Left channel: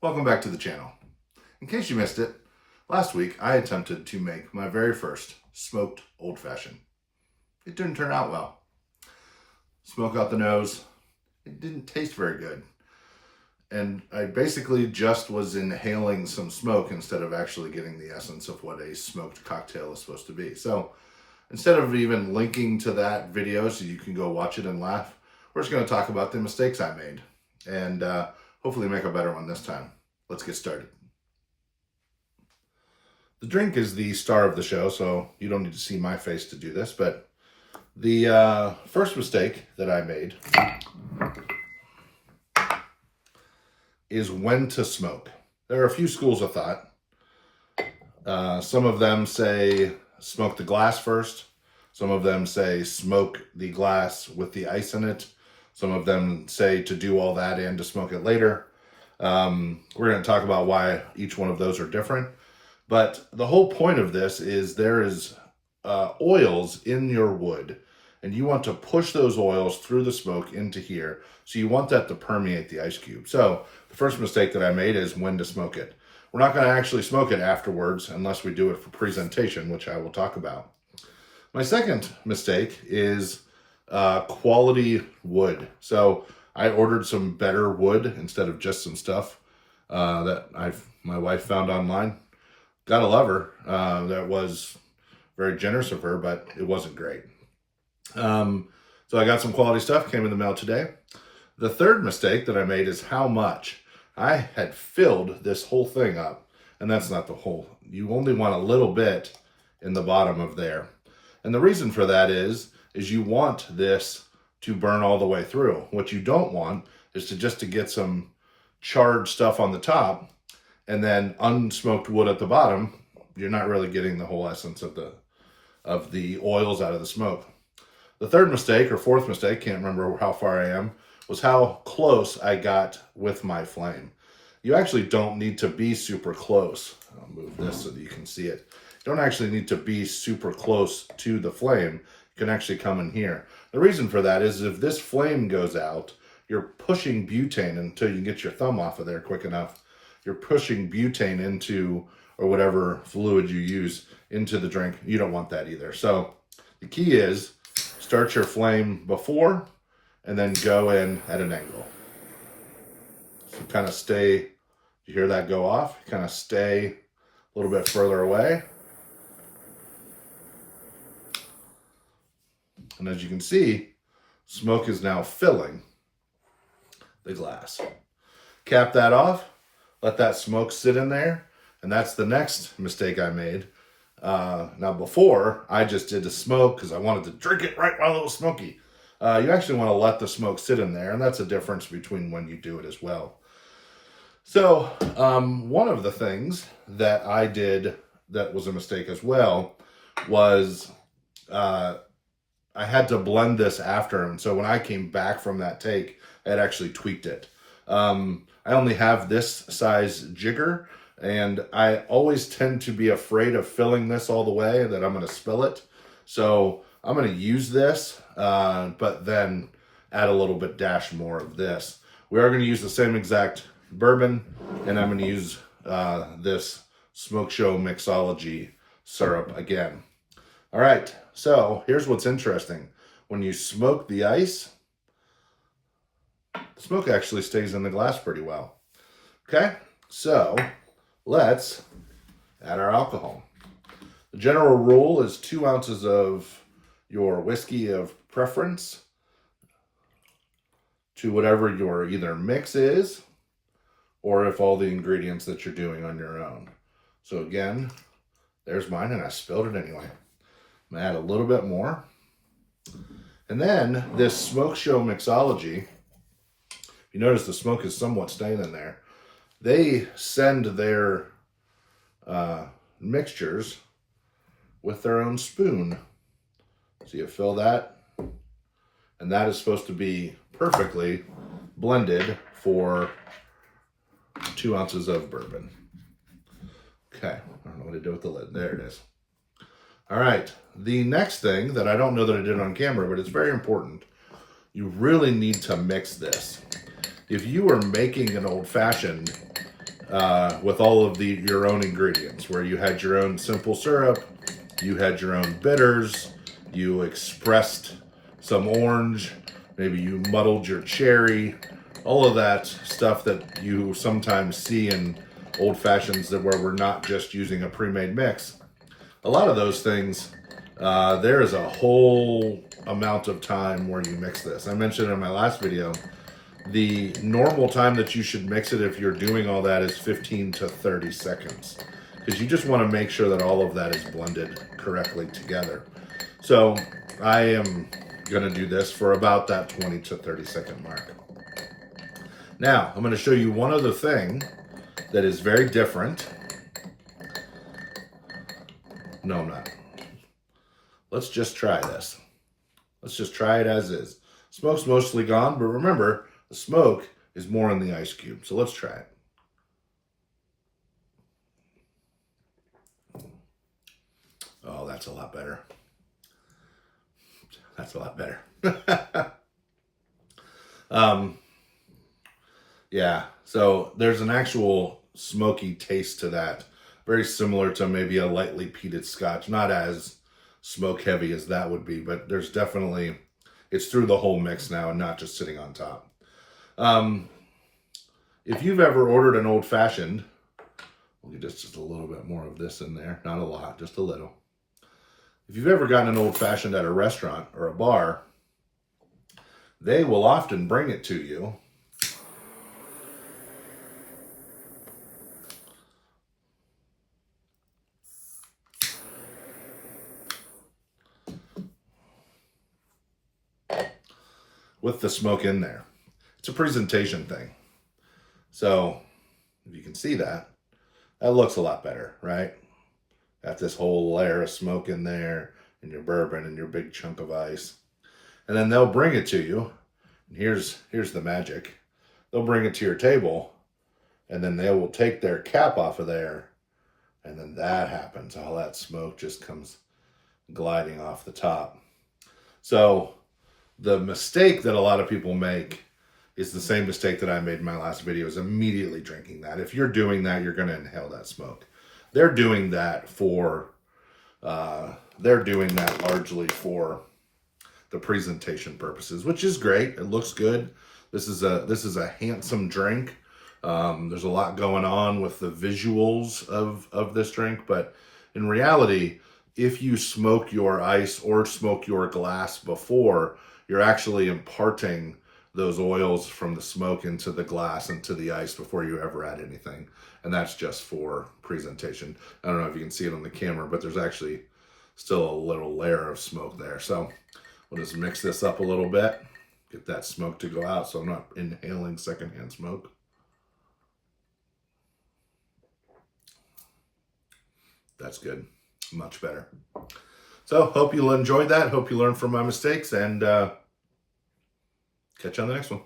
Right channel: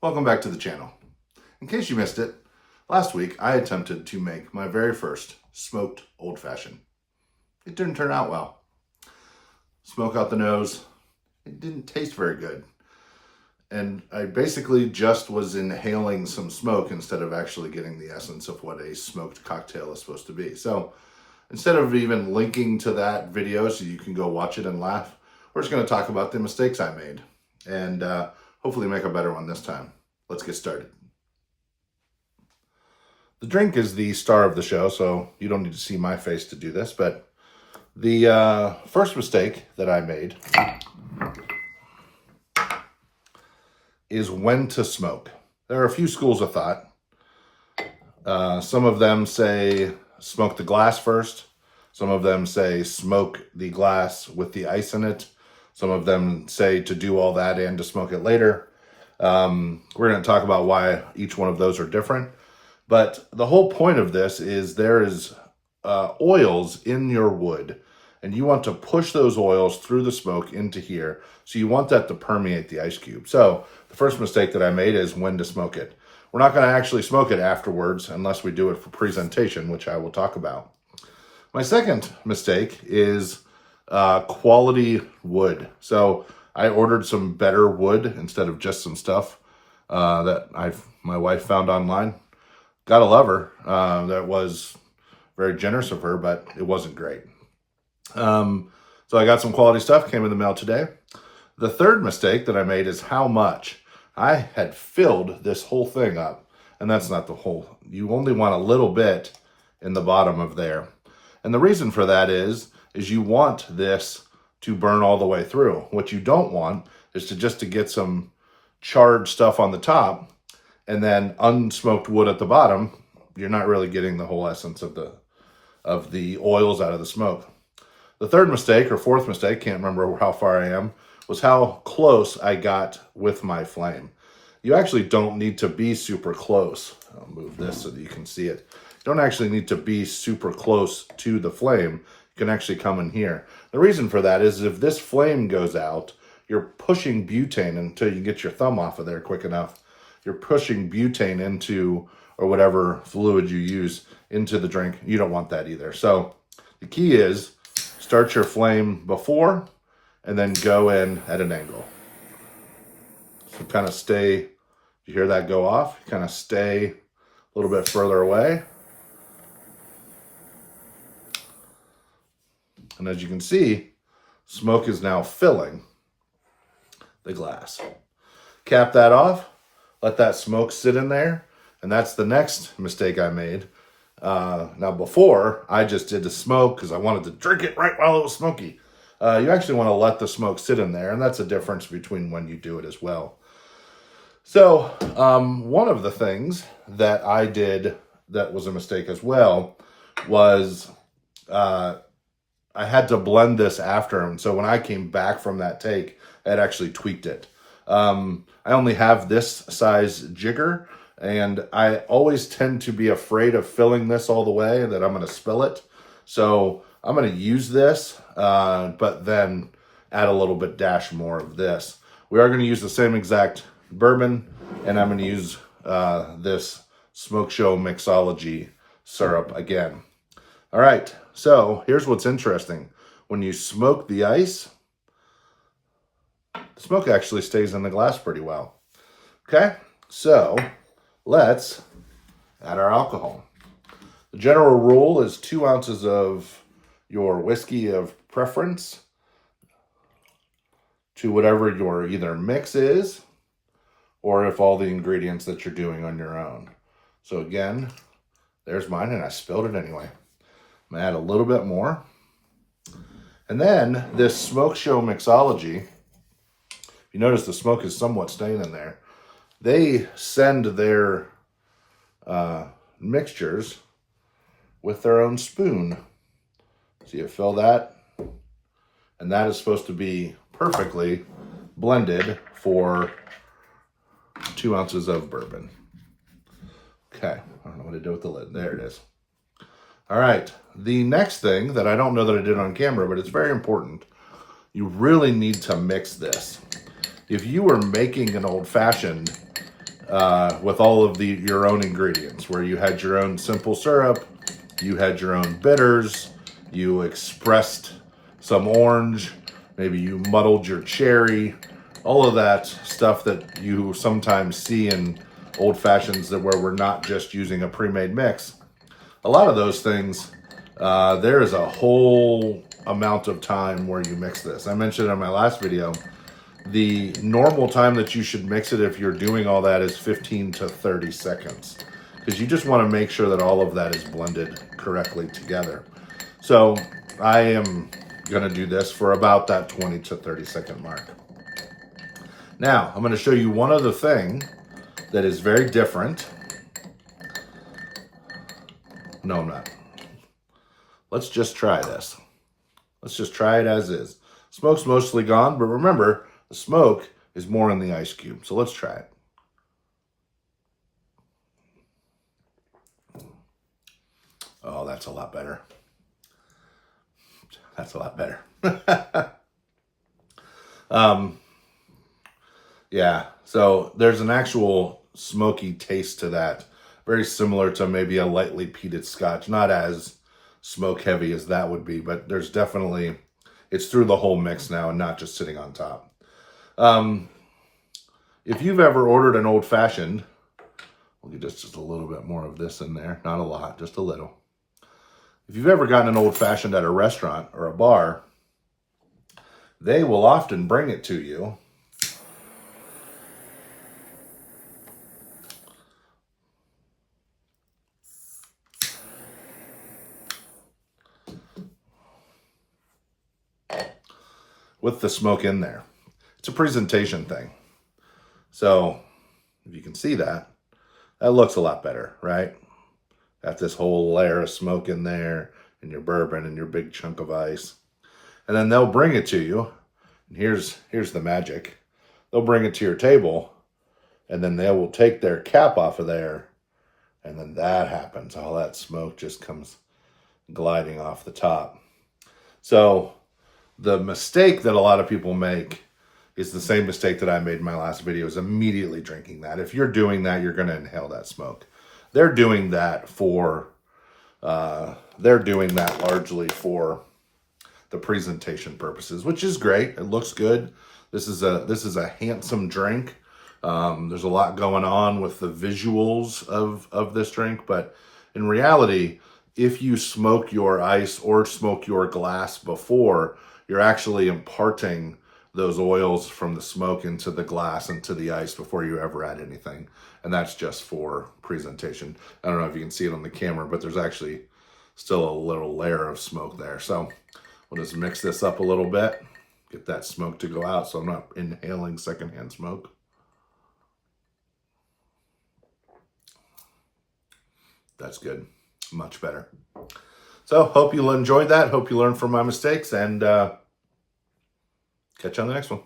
Welcome back to the channel. In case you missed it, last week I attempted to make my very first smoked old fashioned. It didn't turn out well. Smoke out the nose, it didn't taste very good. And I basically just was inhaling some smoke instead of actually getting the essence of what a smoked cocktail is supposed to be. So instead of even linking to that video so you can go watch it and laugh, we're just going to talk about the mistakes I made and hopefully make a better one this time. Let's get started. The drink is the star of the show, so you don't need to see my face to do this, but the first mistake that I made is when to smoke. There are a few schools of thought. Some of them say smoke the glass first. Some of them say smoke the glass with the ice in it. Some of them say to do all that and to smoke it later. We're going to talk about why each one of those are different. But the whole point of this is there is oils in your wood, and you want to push those oils through the smoke into here. So you want that to permeate the ice cube. So the first mistake that I made is when to smoke it. We're not going to actually smoke it afterwards unless we do it for presentation, which I will talk about. My second mistake is quality wood. So I ordered some better wood instead of just some stuff that my wife found online. Gotta love her. That was very generous of her, but it wasn't great. So I got some quality stuff, came in the mail today. The third mistake that I made is how much. I had filled this whole thing up, and that's not the whole. You only want a little bit in the bottom of there. And the reason for that is you want this to burn all the way through. What you don't want is to get some charred stuff on the top and then unsmoked wood at the bottom. You're not really getting the whole essence of the oils out of the smoke. The third mistake, or fourth mistake, can't remember how far I am, was how close I got with my flame. You actually don't need to be super close. I'll move this so that you can see it. You don't actually need to be super close to the flame. You can actually come in here. The reason for that is if this flame goes out, you're pushing butane until you get your thumb off of there quick enough. You're pushing butane into, or whatever fluid you use, into the drink. You don't want that either. So the key is start your flame before and then go in at an angle. So kind of stay, you hear that go off, kind of stay a little bit further away. And as you can see, smoke is now filling the glass. Cap that off, let that smoke sit in there, and that's the next mistake I made. Now before, I just did the smoke because I wanted to drink it right while it was smoky. You actually want to let the smoke sit in there, and that's the difference between when you do it as well. So one of the things that I did that was a mistake as well was I had to blend this after, and so when I came back from that take, I had actually tweaked it. I only have this size jigger, and I always tend to be afraid of filling this all the way, that I'm going to spill it. So I'm going to use this, but then add a little bit dash more of this. We are going to use the same exact bourbon, and I'm going to use this Smoke Show Mixology syrup again. All right, so here's what's interesting. When you smoke the ice, the smoke actually stays in the glass pretty well. Okay, so let's add our alcohol. The general rule is 2 ounces of your whiskey of preference to whatever your either mix is, or if all the ingredients that you're doing on your own. So again, there's mine, and I spilled it anyway. I'm going to add a little bit more. And then this Smoke Show Mixology, you notice the smoke is somewhat staying in there. They send their mixtures with their own spoon. So you fill that, and that is supposed to be perfectly blended for 2 ounces of bourbon. Okay, I don't know what I did with the lid. There it is. All right, the next thing that I don't know that I did on camera, but it's very important. You really need to mix this. If you were making an old fashioned with all of your own ingredients, where you had your own simple syrup, you had your own bitters, you expressed some orange, maybe you muddled your cherry, all of that stuff that you sometimes see in old fashions that where we're not just using a pre-made mix. A lot of those things, there is a whole amount of time where you mix this. I mentioned in my last video, the normal time that you should mix it if you're doing all that is 15 to 30 seconds. Because you just want to make sure that all of that is blended correctly together. So I am going to do this for about that 20 to 30 second mark. Now, I'm going to show you one other thing that is very different. No, I'm not. Let's just try this. Let's just try it as is. Smoke's mostly gone, but remember, the smoke is more in the ice cube. So let's try it. Oh, that's a lot better. That's a lot better. Yeah, so there's an actual smoky taste to that. Very similar to maybe a lightly peated scotch. Not as smoke heavy as that would be, but there's definitely, it's through the whole mix now and not just sitting on top. If you've ever ordered an old fashioned, we'll get just a little bit more of this in there. Not a lot, just a little. If you've ever gotten an old fashioned at a restaurant or a bar, they will often bring it to you with the smoke in there. It's a presentation thing. So if you can see that, that looks a lot better, right? Got this whole layer of smoke in there and your bourbon and your big chunk of ice. And then they'll bring it to you. And here's the magic. They'll bring it to your table and then they will take their cap off of there. And then that happens. All that smoke just comes gliding off the top. So the mistake that a lot of people make is the same mistake that I made in my last video, is immediately drinking that. If you're doing that, you're going to inhale that smoke. They're doing that for, largely for the presentation purposes, which is great. It looks good. This is a handsome drink. There's a lot going on with the visuals of this drink, but in reality, if you smoke your ice or smoke your glass before, you're actually imparting those oils from the smoke into the glass and to the ice before you ever add anything. And that's just for presentation. I don't know if you can see it on the camera, but there's actually still a little layer of smoke there. So we'll just mix this up a little bit, get that smoke to go out so I'm not inhaling secondhand smoke. That's good. Much better. So hope you enjoyed that. Hope you learned from my mistakes, and catch you on the next one.